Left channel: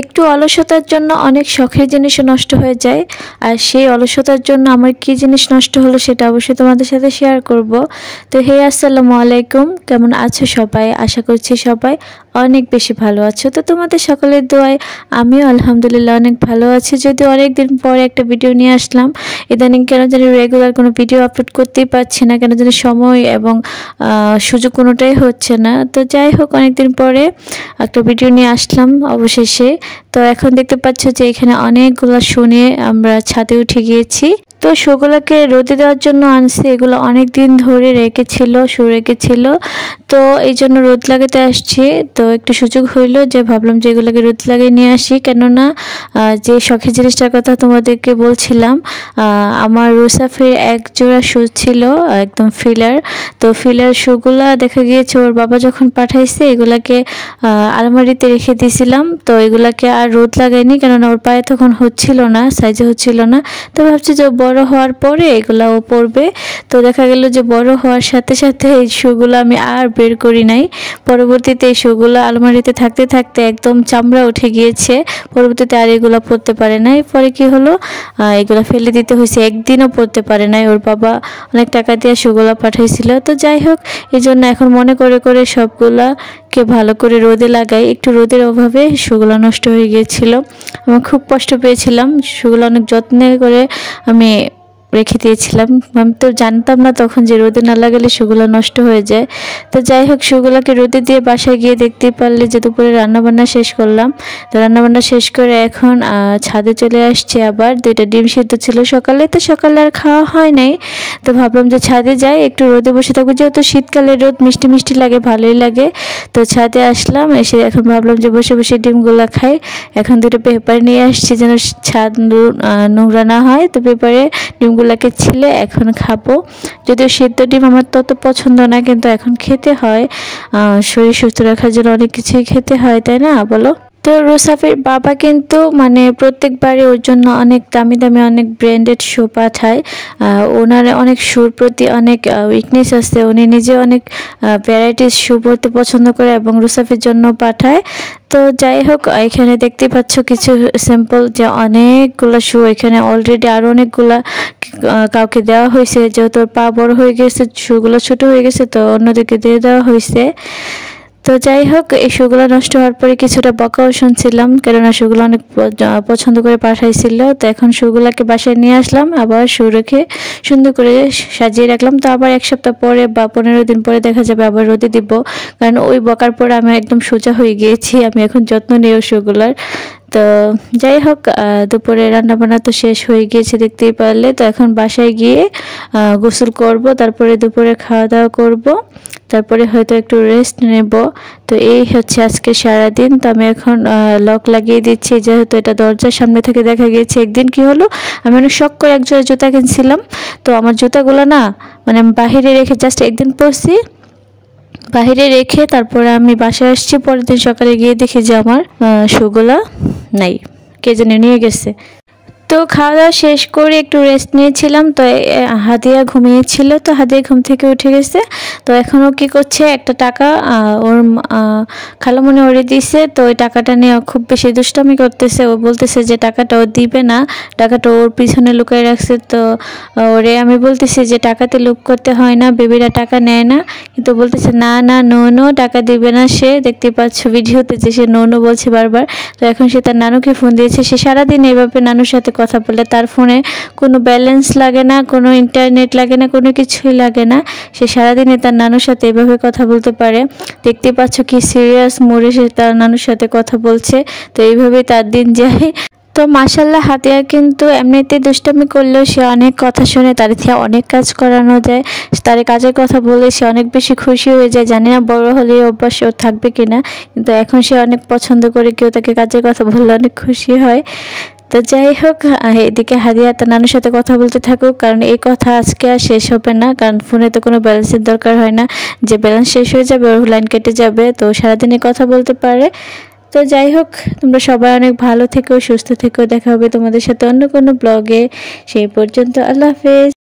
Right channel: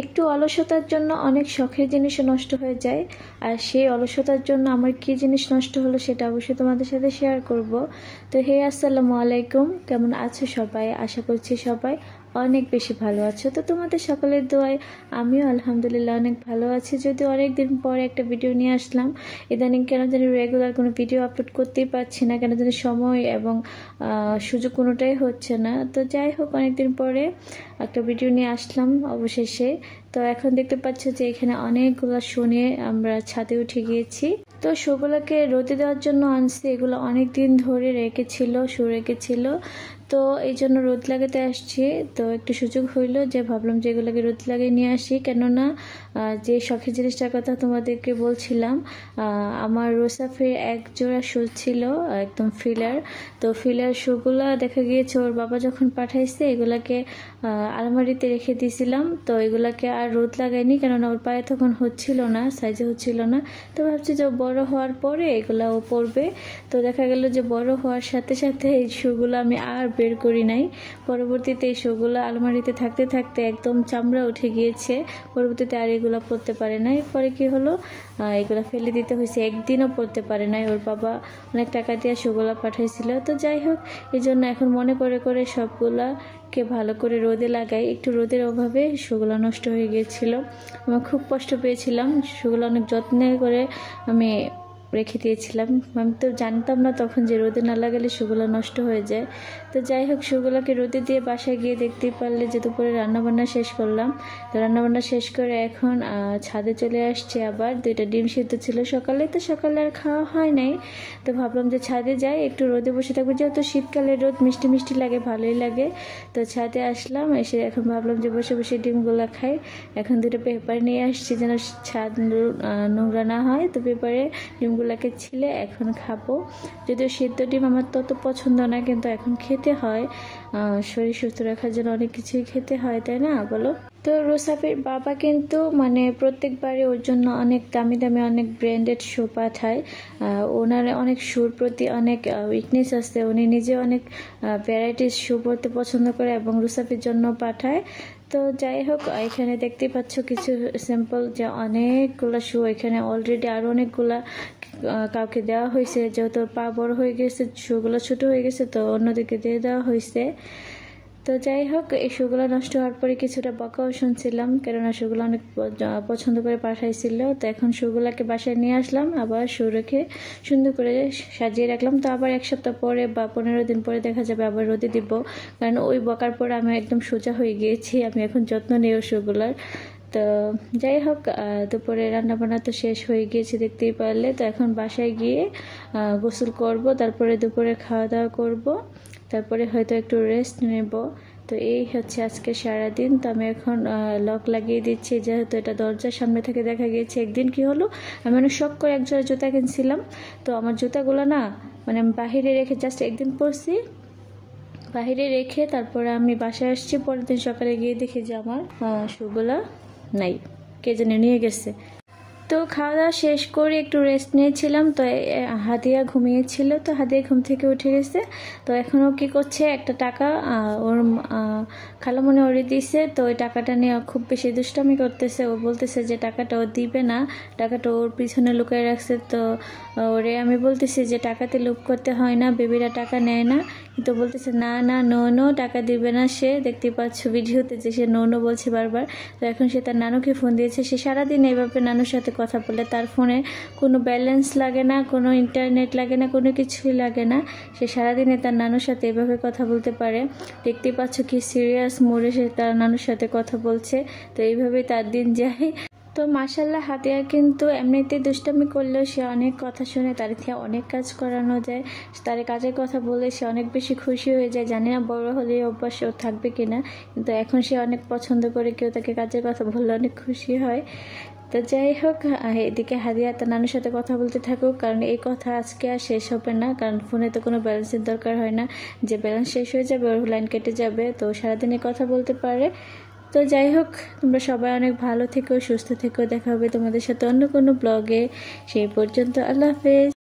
একটু অলসতার জন্য অনেক শখের জিনিসও নষ্ট হয়ে যায়। আর সেই অলসতার জন্য আমার কি জিনিস নষ্ট হলো সেটা অবশ্যই তোমাদের সাথে শেয়ার করব। তো হে আসসালামু আলাইকুম, কেমন আছো সবাই? আশা করছি সবাই অনেক বেশি ভালো আছো। তো তোমাদের সকলের দোয়ায় আমিও আলহামদুলিল্লাহ অনেক ভালো আছি। যদিও অনেক দিন পরে একটা ভিডিও নিয়ে আসলাম, ইদানিং কেন জানি রেগুলার কোনো ভিডিও আপলোড করতেই পারছি না, কেন জানি সময় এবং সুযোগ কোনোটাই হচ্ছে না। তো যাই হোক, অনেকদিন পরে একটা ভিডিও নিয়ে আসলাম অবশেষে। তো এখন দেখতে পাচ্ছ যে এখানে অনেকগুলো শুনে আমরা ছাদে উঠে গিয়েছি। তো শোগুলোকে রোদে দেওয়ার জন্য আনছি, এগুলো অনেক দিন ধরে রেখেছিল। তো এই জন্য রোদ লাগাতে আসছি। তো একটু সুযোগ হইলো যে ভাবলাম যে এগুলোকে রোদ লাগিয়ে নিয়ে আসি, কেননা যে শখের জিনিসটার কথা তোমাদেরকে বলছিলাম, আমার রুসাফের এক জোড়া শু ছিল একদম ফিলার। তো ফিলার শুগুলা দেখা গিয়েছে ওর বাবা যখন পাঠাইছে এগুলাকে আলমারিতে রেখে দিয়েছিলাম। তো এগুলাকে আর রোদ লাগাইনি, কেননা ওর পায়ে তখন হচ্ছিল না, সাইজে হচ্ছিল না। তো ভাবছি যে বড় হওয়ার পরে এগুলা ও পরবে। তো দেখা গেল যে বড় হওয়ার সাথে সাথে এই শুগুলো আমি আর বের করি নাই। পরবর্তীতে এই শুগুলো আলমারিতে থাকতে থাকতে একদম চামড়া উঠে গিয়েছে। পরবর্তীতে আর এগুলো পরতে পারে নাই। পরে কি হলো, এগুলো ফেলে দিতে হয়েছে, একদিনও পরতে পারে নাই। ওর বাবা অনেক টাকা দিয়ে শুগুলো পাঠাইছিল। তো যাই হোক, এই জন্য এখন মনে করে করে সবগুলাকে ভালো করে রোদে লাগাই। একটু রোদের অভাবে শুগুলো নষ্ট হয়ে গিয়েছিল, আমি খুব কষ্ট পেয়েছিলাম। শুগুলো অনেক যত্নে করে আমি রেখে দিয়েছিলাম। আমি তো জানতাম না তখন যে রোদে না লাগালে শুগুলো নষ্ট হয়ে যায়। তো যাই হোক, শুগুলোকে রোদে দিয়ে বাসায় গিয়ে দেখতেই পারলে যে দুপুরে রান্নাবান্না শেষ করলাম। তো রান্নাবান্না শেষ করে এখন ছাদে চলে আসছে। আবার 2টা ডিম সিদ্ধ ছিল সকালে, তো সকালে আর খাওয়া হয় নাই। তো ভাবলাম যে ছাদে যাই, একটু রোদে বসে থাকবো, যেহেতু শীতকালে রোদ মিষ্টি মিষ্টি লাগে, ভালোই লাগে। তো ছাদে আসলাম, এসে এখন ভাবলাম যে বসে বসে ডিমগুলো খাই। এখন 2টা পেপার নিয়ে আসছি যেন ছাদ নোংরা না হয়। তো পেপারে ডিমগুলোকে ছিলে এখন খাবো। যদিও সিদ্ধ ডিম আমার তত পছন্দ না, কিন্তু এখন খেতে হয়, শরীর সুস্থ রাখার জন্য অনেক কিছুই খেতে হয়, তাই না বলো? তো রুসাফের বাবা কিন্তু মানে প্রত্যেকবারই ওর জন্য অনেক দামি দামি অনেক ব্র্যান্ডেড শু পাঠায়। ওনার অনেক শুর প্রতি অনেক উইকনেস আছে, উনি নিজে অনেক ভ্যারাইটিস শু পরতে পছন্দ করে এবং রুসাফের জন্য পাঠায়। তো যাই হোক, এখানে দেখতে পাচ্ছ কিছু স্যাম্পল, যে অনেকগুলো শু এখানে অলরেডি আরও অনেকগুলা কাউকে দেওয়া হয়েছে, যেহেতু পা বড় হয়ে গেছে, শুগুলো ছোট হয়ে গেছে, তো অন্যদিকে দিয়ে দেওয়া হয়েছে। তো যাই হোক, এই শুগুলো নষ্ট হওয়ার পরে কিছুটা বকাও শুনছিলাম, কেননা শুগুলো অনেক পছন্দ করে পাঠাইছিল। তো এখন শুগুলাকে বাসায় নিয়ে আসলাম, আবার শু রেখে সুন্দর করে সাজিয়ে রাখলাম। তো আবার 1 সপ্তাহ পরে বা 15 দিন পরে দেখা যাবে আবার রোদে দিব, কারণ ওই বকার পরে আমি একদম সোজা হয়ে গিয়েছি। আমি এখন যত্ন নিই ওই শুগুলার। তো যাই হোক, দুপুরে রান্নাবান্না তো শেষ হয়ে গিয়েছে দেখতেই পারলে। তো এখন বাসায় গিয়ে গোসল করব, তারপরে দুপুরে খাওয়া দাওয়া করব, তারপরে হয়তো একটু রেস্ট নেব। তো এই হচ্ছে আজকে সারাদিন। তো আমি এখন লক লাগিয়ে দিচ্ছি, যেহেতু এটা দরজার সামনে থেকে দেখা গিয়েছে। একদিন কি হলো, আমি অনেক শখ করে এক জোড়া জুতা কিনছিলাম। তো আমার জুতাগুলো না, মানে আমি বাহিরে রেখে জাস্ট একদিন পরছি, বাহিরে রেখে তারপরে আমি বাসায় আসছি। পরের দিন সকালে গিয়ে দেখি যে আমার শুগুলা নাই, কে জানে নিয়ে গেছে। তো খাওয়া দাওয়া শেষ করে একটু রেস্ট নিয়েছিলাম। তো হাদিয়া ঘুমিয়েছিল, তো হাদিয়া ঘুম থেকে উঠে গেছে। তো এখনও কি করছে, একটা টাকা ওর খালামণি ওরে দিছে। তো ওই টাকাটা নিয়ে খুব বেশি দুষ্টামি করতেছে। ও বলতেছে যে টাকাটা ও দিবে না, টাকাটা ওর পিছনে লুকিয়ে রাখছে। তো ওরে আমি বলতেছি যে টাকাতে লুপ করতে হয় না, বেবিরা টাকা নেয় না। কিন্তু বলতেছে না না, নো টাকা দিবে না। সে দেখতে পাচ্ছ ভিডিওতে যে সে নো বলছে বারবার। তো এখন সে তার নানুকে ফোন দিয়েছে। সে সারাদিন এইভাবে নানুর সাথে কথা বলে, তার ফোনে কোনো ব্যালেন্স লাগে না, কোনো ইন্টারনেট লাগে না, কোনো কিছুই লাগে না। সে সারাদিনে তার নানুর সাথে এভাবে কথা বলতে পারে। দেখতে পাচ্ছ কি সিরিয়াস মোড়ে সে তার নানুর সাথে কথা বলছে। তো এইভাবে তার দিন যায়। তো মাশাল্লাহ, হাতিয়া কিন্তু এমনিতে দুষ্টামি করলেও সে অনেক কথা শুনে, তার থেকে অনেক কাজ করানো যায়। তার কাজের কথা বলে সে অনেক বেশি খুশি হয়ে যায়। জানি না বড় হলে অভ্যাস ওর থাকবে কিনা, কিন্তু এখন সে অনেক পছন্দ করে কেউ তাকে কাজের কথা বললে অনেক খুশি হয়। তো যাই হোক, এদিকে হাদিয়া তার নানুর সাথে কথা বলতে থাকুক, কারণ এই কথা আজকে আর শেষ হবে না। কারণ ফোনে তো কোনো ব্যালেন্সের দরকার হয় না, যে ব্যালেন্স শেষ হয়ে যাবে ওর লাইন কেটে যাবে, তো সারাদিনই কথা বলতে পারে। তো যাই হোক, তোমরা সবাই অনেক ভালো থেকো, সুস্থ থেকো। দেখা হবে তোমাদের সাথে অন্য কোনো ব্লগে। সেই পর্যন্ত আল্লাহ হাফেজ।